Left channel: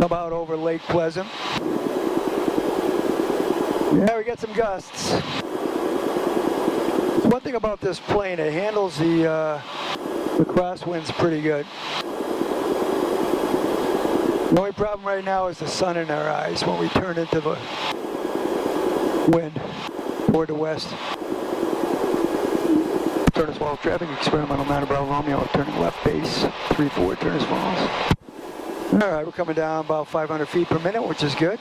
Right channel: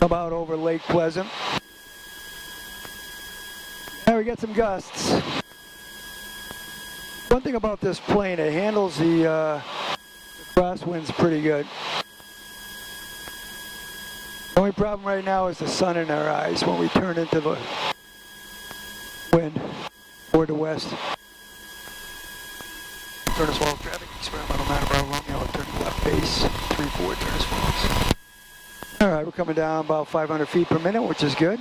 Come out over Lake Pleasant. Yeah, we got some gusts. One thing about this plane, it handles the crosswinds pretty good. The only problem right now is the sun in our eyes when we turn into the wind toward the west. Turn as well, traffic experimental man about Romeo, turning left base, 3-4, turn as well. All right, we're coming down about 500 feet per minute, which is good.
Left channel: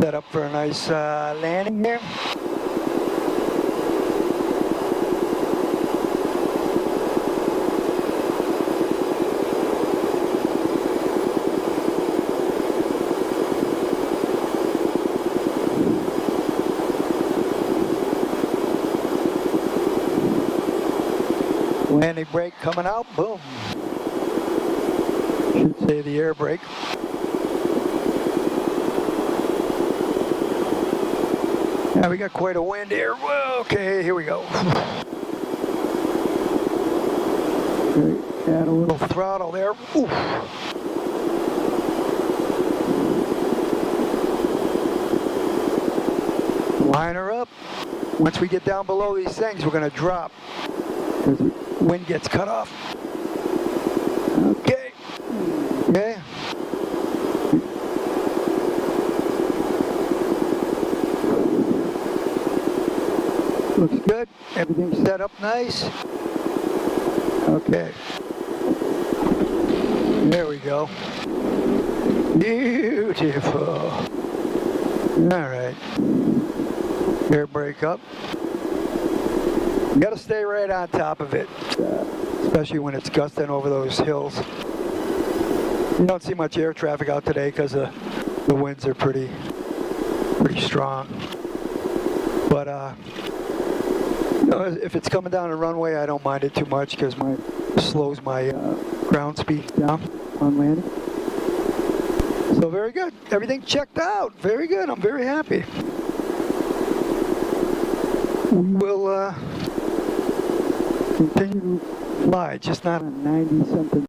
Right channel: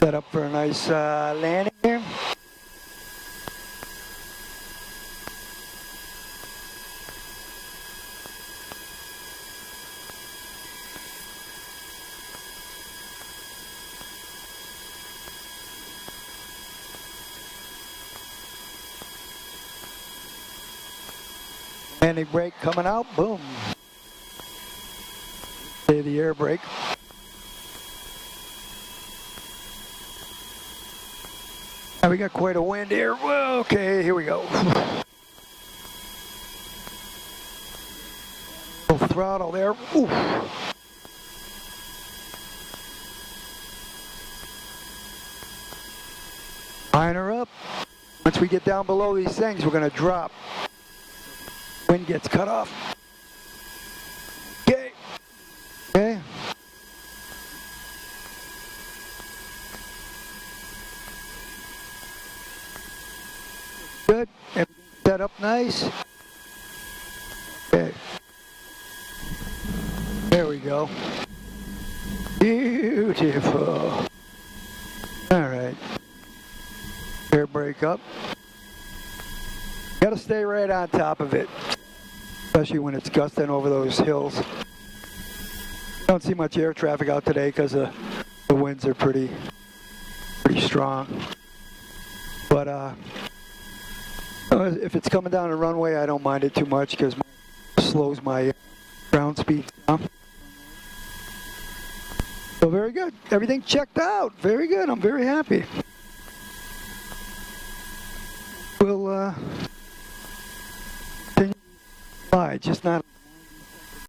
Set up for a nice landing here. Landing brake coming out, boom. Should say the air brake. Now we got quite a wind here. Well, okay, here we go. Add a little throttle there. Oof. Line her up. Once we get down below these things, we're going to drop. Wind gets cut off. Okay. Okay. Looks good. Everything's set up nice. Okay. There we go. Beautiful. All right. Air brake up. You got to stay right on top of it, especially when it's gusting over those hills. You don't see much air traffic out today because the winds are pretty strong. But you know, if it's coming down the runway, I don't mind it too much because it slows my ground speed down on landing. So very good. Everything checked out. Very good. I'm very happy. We'll continue to fly, just not a 90-something.